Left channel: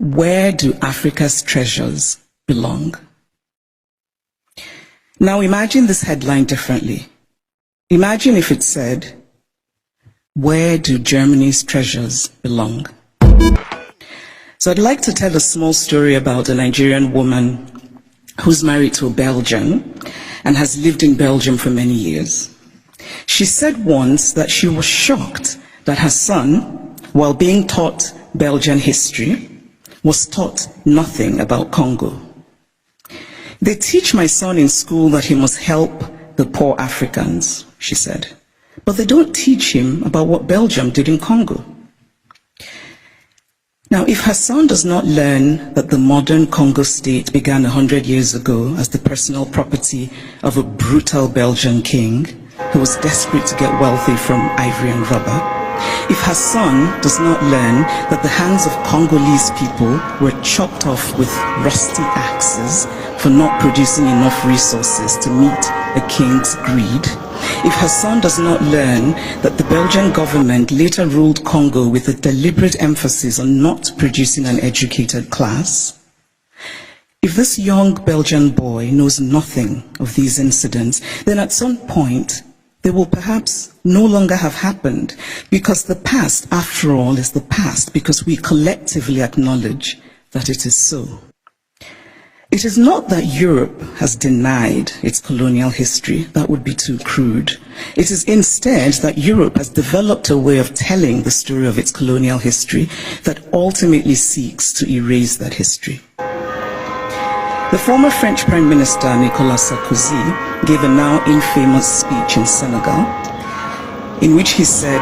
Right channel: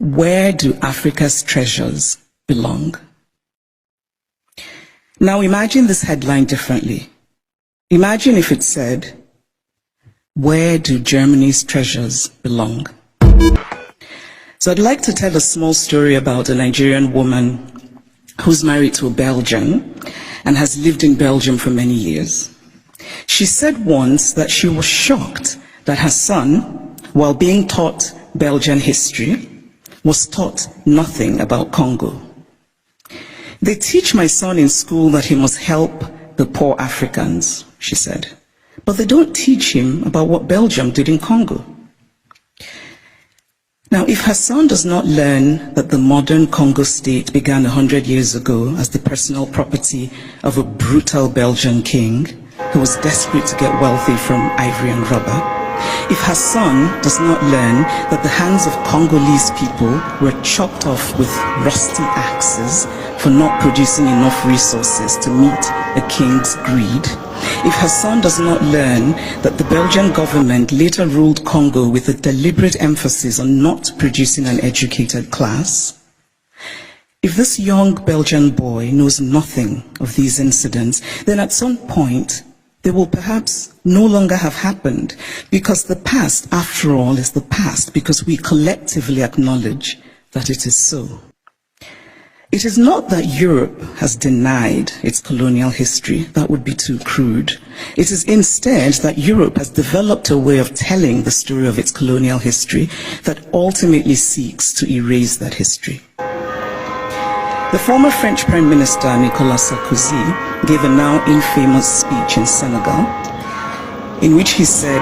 Where do Africa's treasures belong? Now imagine this headline differently. Imagine if it said, where do Germany's treasures belong? So I'd like to tell a small story about a Nigerian woman who's married to a Belgian and has lived in Belgium for many years. She said once that she was shocked that her son, while being taught Belgian history, was taught nothing about Congo. They teach my son in school that he must help the poor Africans, she said, but they don't teach him about what Belgium did in Congo. Now, if her son does not learn that the modern Congo state began 100 years ago as the personal property of a brutal Belgian king who was desperate to get wealthy from ivory and rubber, if her son does not learn that the hands of Congolese people were chopped off with rusty axes for not producing enough resources to meet a king's greed, if her son does not learn that the Belgian government later ruled Congo with a deliberate emphasis on not producing an educated class, if this young Belgian boy knows nothing of these incidents, then at some point they will perhaps no longer have happened, because the past, after all, is the past because we collectively acknowledge that it is so. It is not that Europe has denied its colonial history. That would be too crude. It is instead that Europe has developed a way of telling the story of its colonial history that ultimately seeks to erase that history. The former French Prime Minister Nicolas Sarkozy gave a now infamous speech in Senegal in which he said,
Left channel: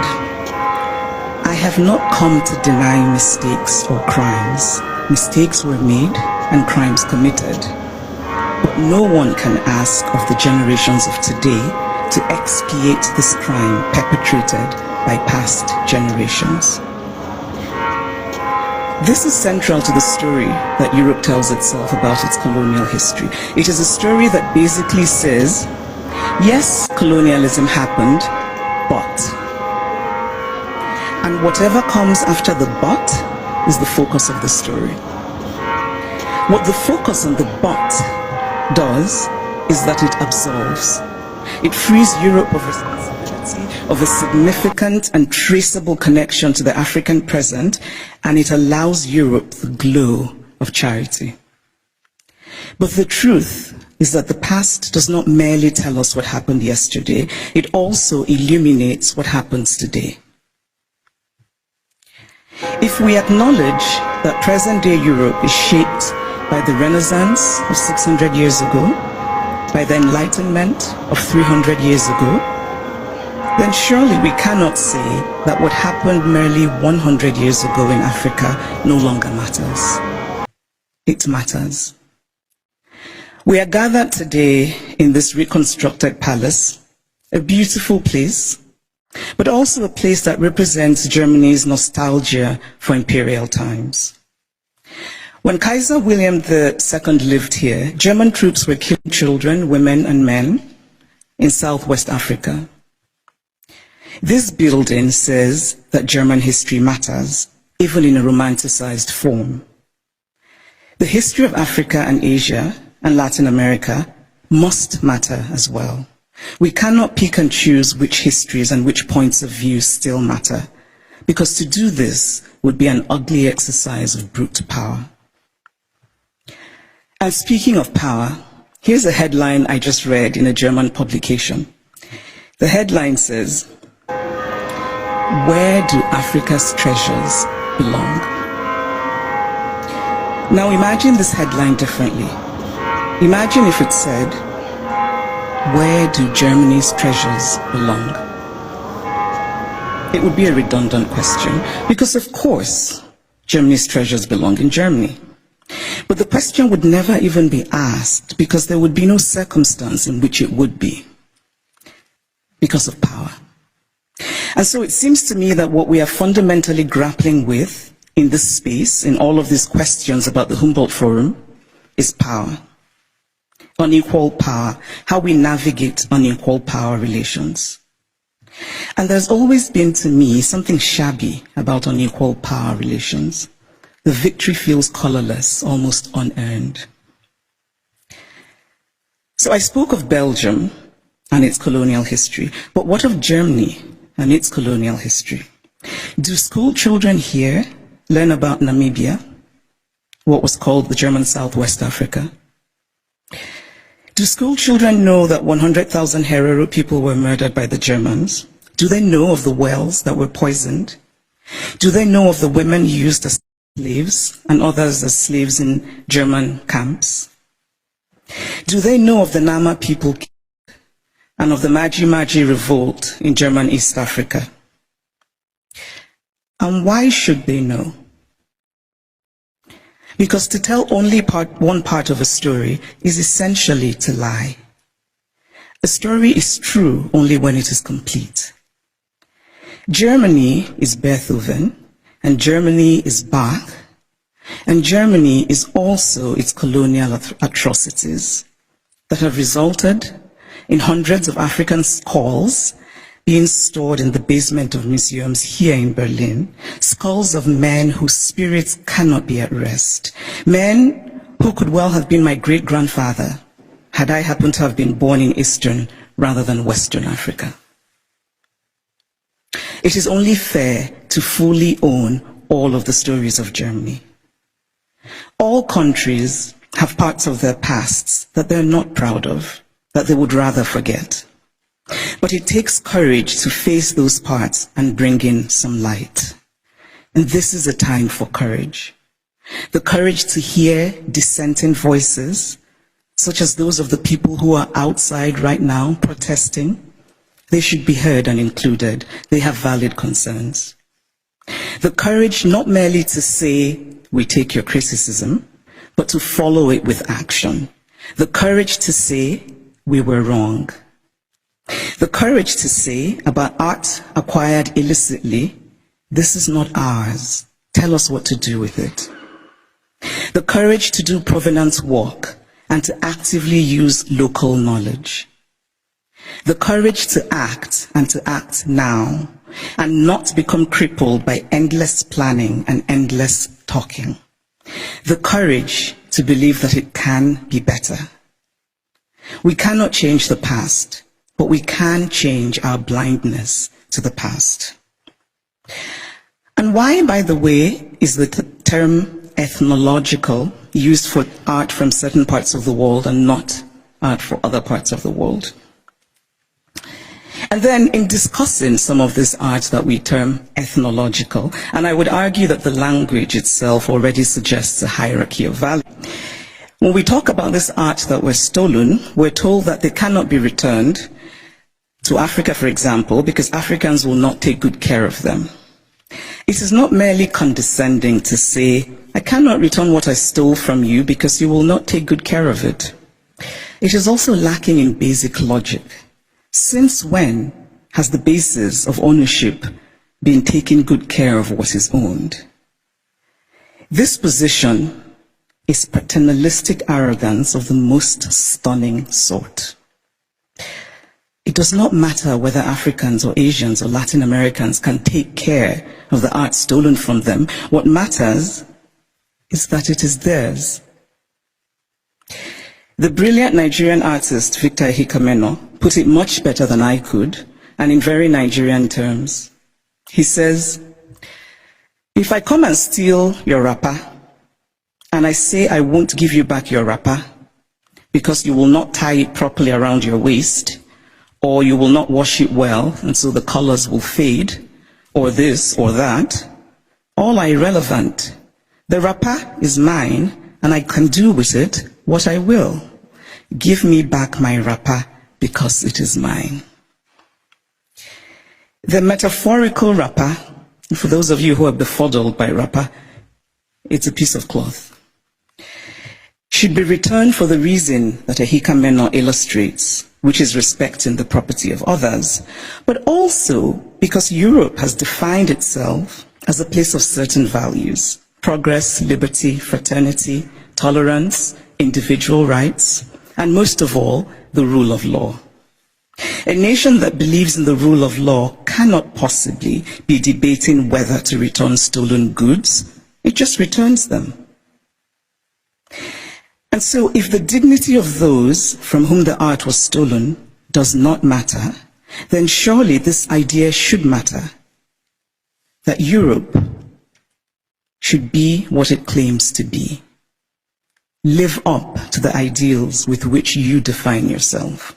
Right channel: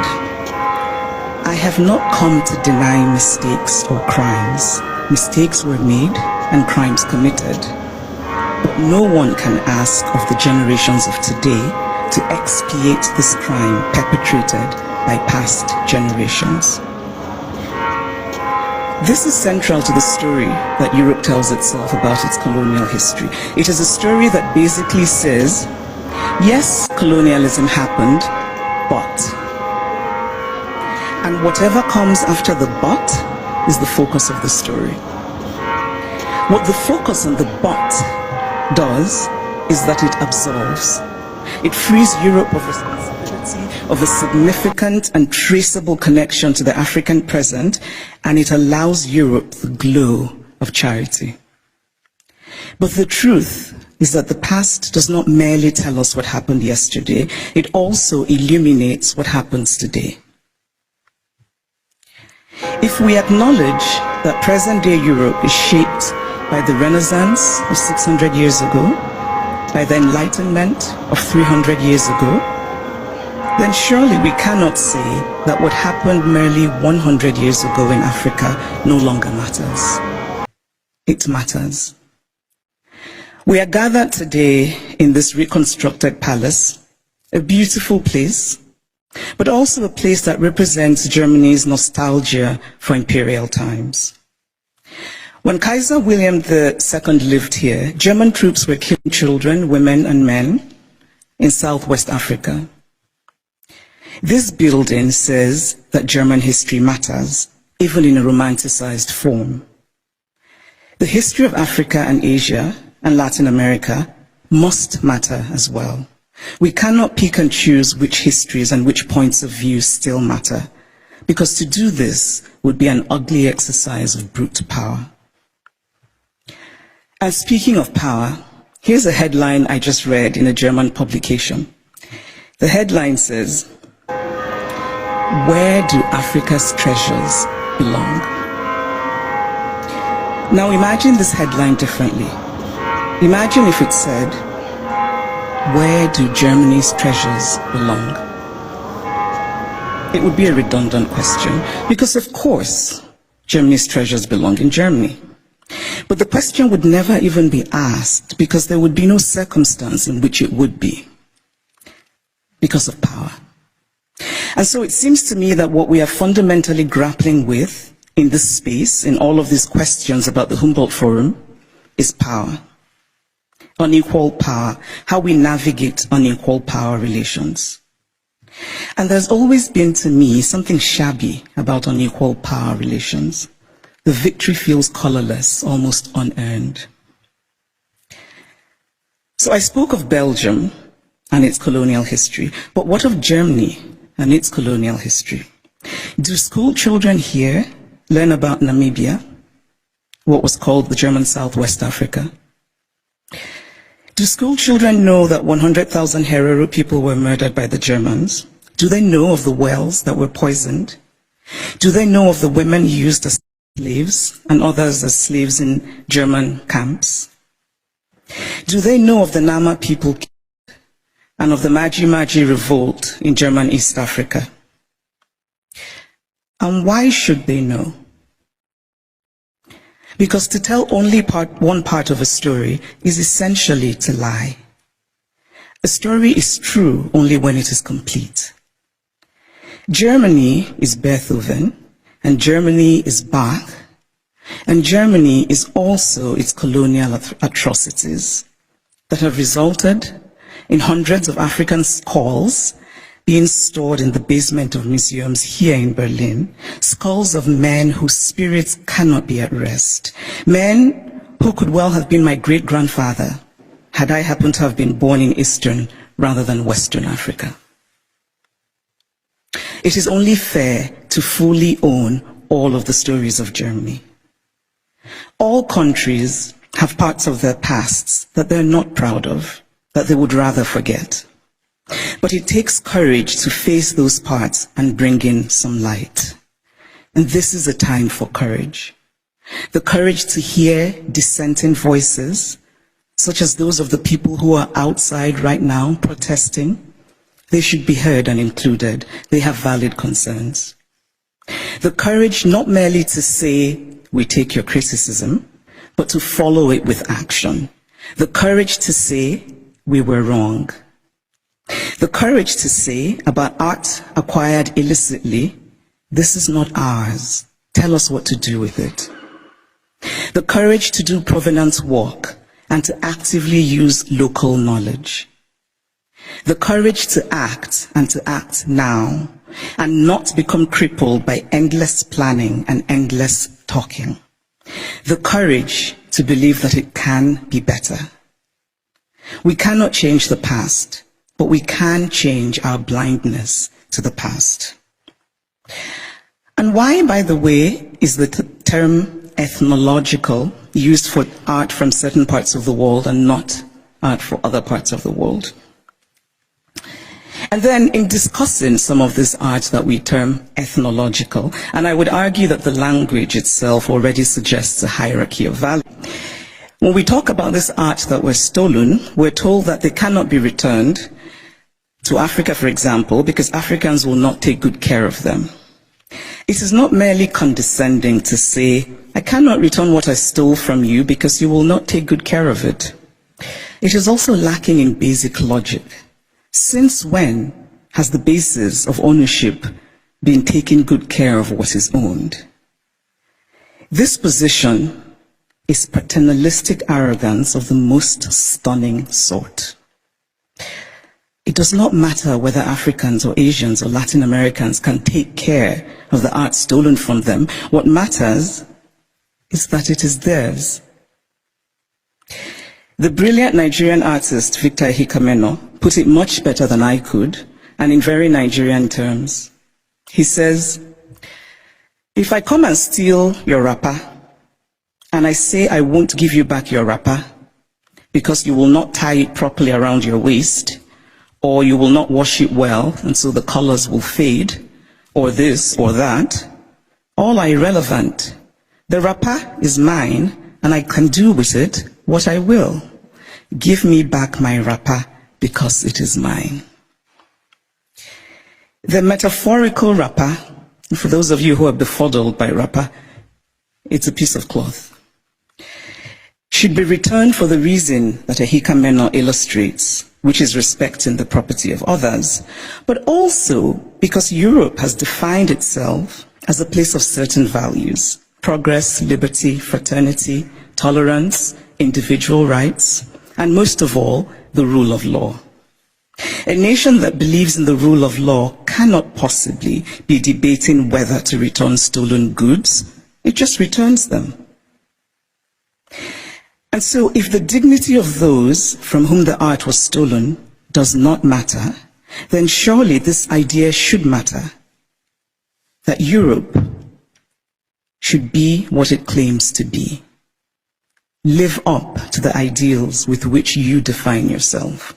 "I have not come to deny mistakes or crimes. Mistakes were made and crimes committed. But no one can ask of the generations of today to expiate this crime perpetrated by past generations." This is central to the story that Europe tells itself about its colonial history. It is a story that basically says, yes, colonialism happened, but. And whatever comes after the but is the focus of the story. What the focus on the but does is that it absolves. It frees Europe of responsibility of a significant and traceable connection to the African present, and it allows Europe the glow of charity. But the truth is that the past does not merely tell us what happened yesterday, it also illuminates what happens today. If we acknowledge that present-day Europe is shaped by the Renaissance of 600 years ago, by the Enlightenment of 300 years ago, then surely we cannot say that what happened merely 100 years ago in Africa no longer matters. It matters. We are gathered today in this reconstructed palace, a beautiful place, but also a place that represents Germany's nostalgia for imperial times. When Kaiser William II lived here, German troops were killing children, women, and men in Southwest Africa. This building says that German history matters, even in a romanticized form. The history of Africa and Asia and Latin America must matter as well. We cannot pick and choose which histories and which points of view still matter, because to do this would be an ugly exercise of brute power. And speaking of power, here's a headline I just read in a German publication. The headline says, "Where do Africa's treasures belong?" Now imagine this headline differently. Imagine if it said, "Where do Germany's treasures belong?" It would be a redundant question, because of course, Germany's treasures belong in Germany. But the question would never even be asked, because there would be no circumstance in which it would be, because of power. And so it seems to me that what we are fundamentally grappling with in this space, in all of these questions about the Humboldt Forum, is power. Unequal power, how we navigate unequal power relations. And there's always been, to me, something shabby about unequal power relations. the victory feels colorless, almost unearned. So I spoke of Belgium and its colonial history, but what of Germany and its colonial history? Do school children here learn about Namibia, what was called the German Southwest Africa? Do school children know that 100,000 Herero people were murdered by the Germans? Do they know of the wells that were poisoned? Do they know of the women used as slaves and others as slaves in German camps? Do they know of the Nama people and of the Maji Maji revolt in German East Africa? And why should they know? Because to tell only one part of a story is essentially to lie. A story is true only when it is complete. Germany is Beethoven, and Germany is Bach, and Germany is also its colonial atrocities that have resulted in hundreds of African skulls being stored in the basement of museums here in Berlin, skulls of men whose spirits cannot be at rest, men who could well have been my great-grandfather had I happened to have been born in Eastern rather than Western Africa. It is only fair to fully own all of the stories of Germany. All countries have parts of their pasts that they're not proud of, that they would rather forget. But it takes courage to face those parts and bring in some light. And this is a time for courage. The courage to hear dissenting voices, such as those of the people who are outside right now protesting. They should be heard and included. They have valid concerns. The courage not merely to say, we take your criticism, but to follow it with action. The courage to say, we were wrong. The courage to say about art acquired illicitly, this is not ours. Tell us what to do with it. The courage to do provenance work and to actively use local knowledge. The courage to act and to act now and not become crippled by endless planning and endless talking. The courage to believe that it can be better. We cannot change the past, but we can change our blindness to the past. And why, by the way, is the term ethnological used for art from certain parts of the world and not art for other parts of the world? And then in discussing some of this art that we term ethnological, and I would argue that the language itself already suggests a hierarchy of value. When we talk about this art that was stolen, we're told that they cannot be returned to Africa, for example, because Africans will not take good care of them. It is not merely condescending to say, I cannot return what I stole from you because you will not take good care of it. It is also lacking in basic logic. Since when has the basis of ownership been taking good care of what is owned? This position is paternalistic arrogance of the most stunning sort. It does not matter whether Africans or Asians or Latin Americans can take care of the art stolen from them. What matters is that it is theirs. The brilliant Nigerian artist Victor Hikameno put it much better than I could, and in very Nigerian terms. He says, if I come and steal your wrapper, and I say I won't give you back your wrapper because you will not tie it properly around your waist, or you will not wash it well, and so the colors will fade, or this or that, all are irrelevant. The wrapper is mine, and I can do with it what I will. Give me back my wrapper because it is mine. The metaphorical wrapper, for those of you who are befuddled by wrapper, it's a piece of cloth, should be returned for the reason that Hikameno illustrates, which is respecting the property of others, but also because Europe has defined itself as a place of certain values: progress, liberty, fraternity, tolerance, individual rights, and most of all, the rule of law. A nation that believes in the rule of law cannot possibly be debating whether to return stolen goods It just returns them. And so if the dignity of those from whom the art was stolen does not matter, then surely this idea should matter, that Europe should be what it claims to be. Live up to the ideals with which you define yourself.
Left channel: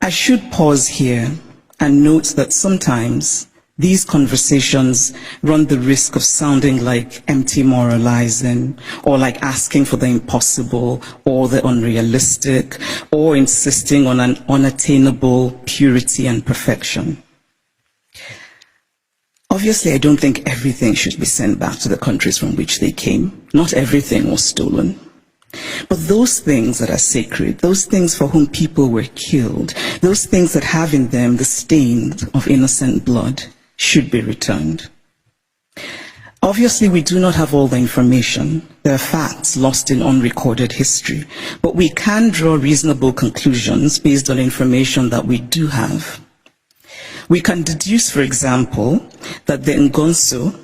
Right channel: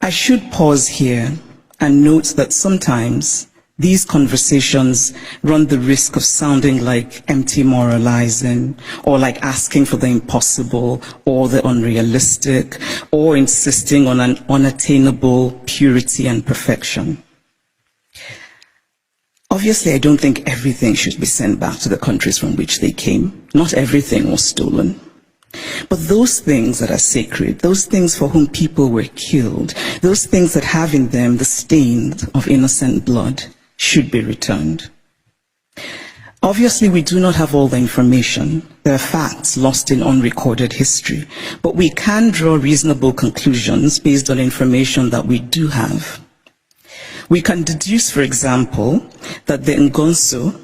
I should pause here and note that sometimes these conversations run the risk of sounding like empty moralizing, or like asking for the impossible or the unrealistic, or insisting on an unattainable purity and perfection. Obviously, I don't think everything should be sent back to the countries from which they came. Not everything was stolen. But those things that are sacred, those things for whom people were killed, those things that have in them the stain of innocent blood, should be returned. Obviously, we do not have all the information. There are facts lost in unrecorded history, but we can draw reasonable conclusions based on information that we do have. We can deduce, for example, that the Ngonso,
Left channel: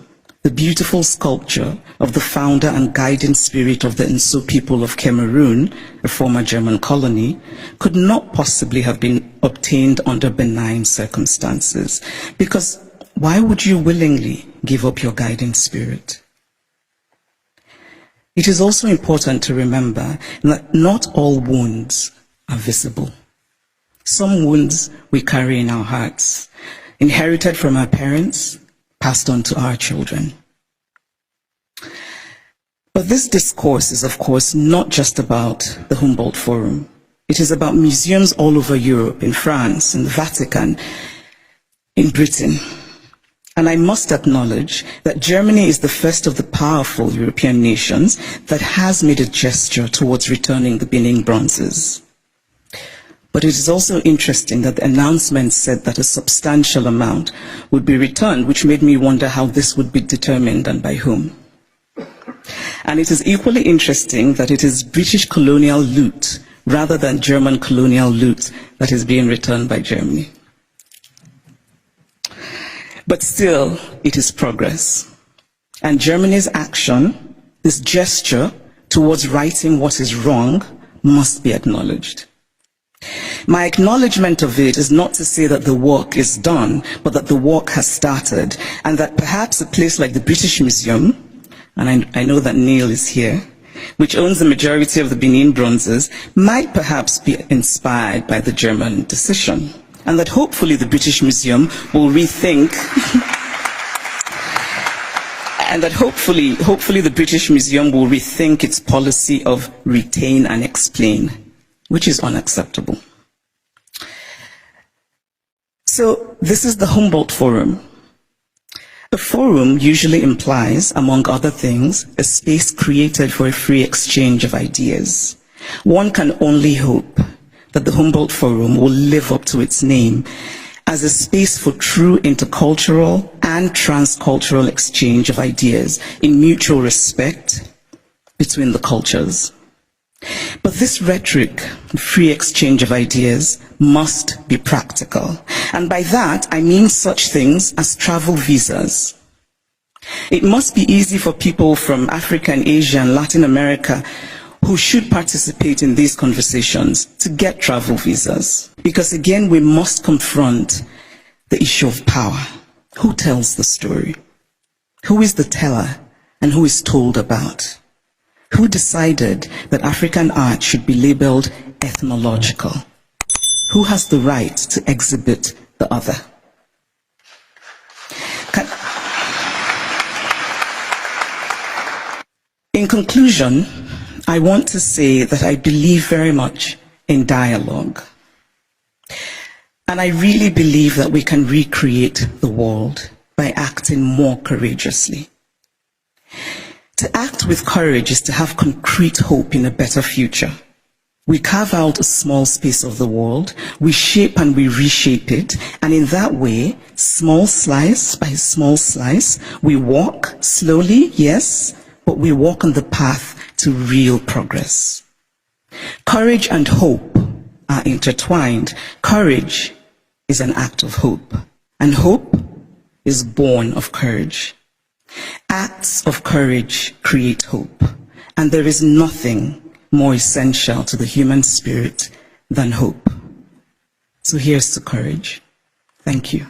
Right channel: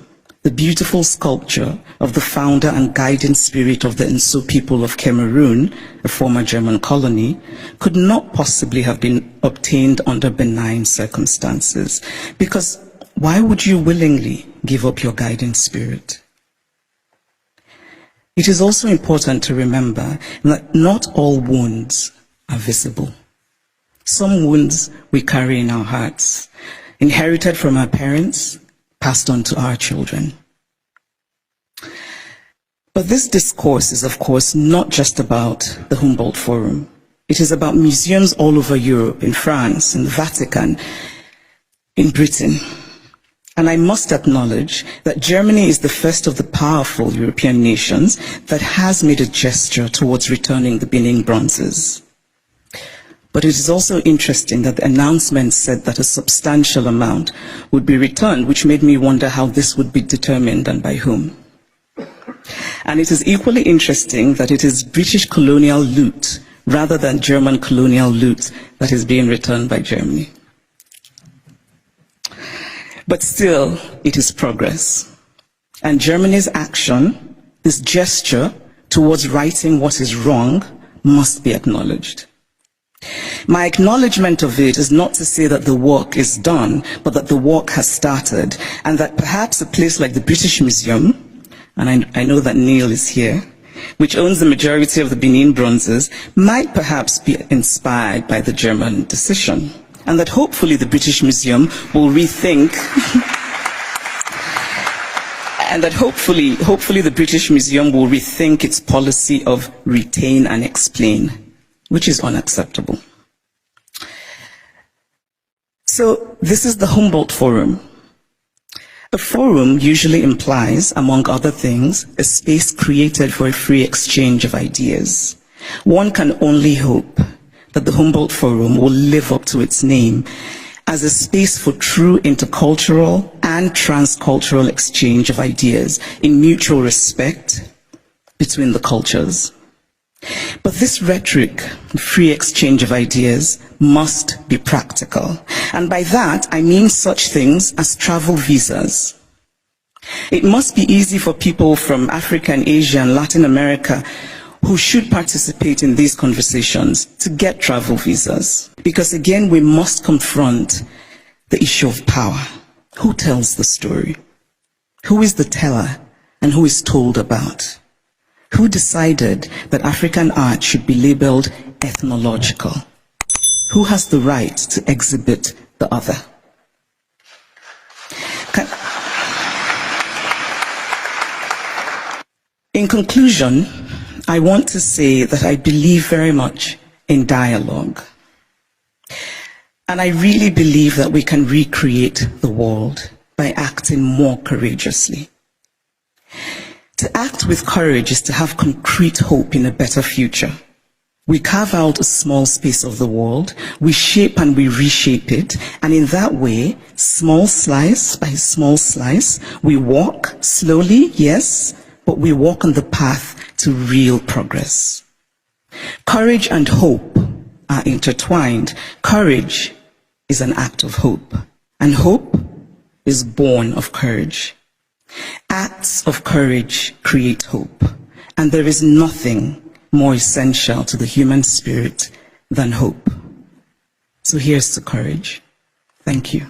the beautiful sculpture of the founder and guiding spirit of the Nso people of Cameroon, a former German colony, could not possibly have been obtained under benign circumstances, because why would you willingly give up your guiding spirit? It is also important to remember that not all wounds are visible. Some wounds we carry in our hearts, inherited from our parents, passed on to our children. But this discourse is, of course, not just about the Humboldt Forum. It is about museums all over Europe, in France, in the Vatican, in Britain. And I must acknowledge that Germany is the first of the powerful European nations that has made a gesture towards returning the Benin bronzes. But it is also interesting that the announcement said that a substantial amount would be returned, which made me wonder how this would be determined and by whom. And it is equally interesting that it is British colonial loot rather than German colonial loot that is being returned by Germany. But still, it is progress. And Germany's action, this gesture towards righting what is wrong, must be acknowledged. My acknowledgement of it is not to say that the work is done, but that the work has started, and that perhaps a place like the British Museum, and I know that Neil is here, which owns the majority of the Benin bronzes, might perhaps be inspired by the German decision, and that hopefully the British Museum will rethink and that hopefully the British Museum will rethink its policy of retain and explain, which is unacceptable. So this is the Humboldt Forum. A forum usually implies, among other things, a space created for a free exchange of ideas. One can only hope that the Humboldt Forum will live up to its name as a space for true intercultural and transcultural exchange of ideas in mutual respect between the cultures. But this rhetoric, free exchange of ideas, must be practical. And by that, I mean such things as travel visas. It must be easy for people from Africa and Asia and Latin America who should participate in these conversations to get travel visas. Because again, we must confront the issue of power. Who tells the story? Who is the teller and who is told about? Who decided that African art should be labeled ethnological? Who has the right to exhibit the other? In conclusion, I want to say that I believe very much in dialogue. And I really believe that we can recreate the world by acting more courageously. To act with courage is to have concrete hope in a better future. We carve out a small space of the world, we shape and we reshape it, and in that way, small slice by small slice, we walk slowly, yes, but we walk on the path to real progress. Courage and hope are intertwined. Courage is an act of hope, and hope is born of courage. Acts of courage create hope, and there is nothing more essential to the human spirit than hope. So here's to courage. Thank you.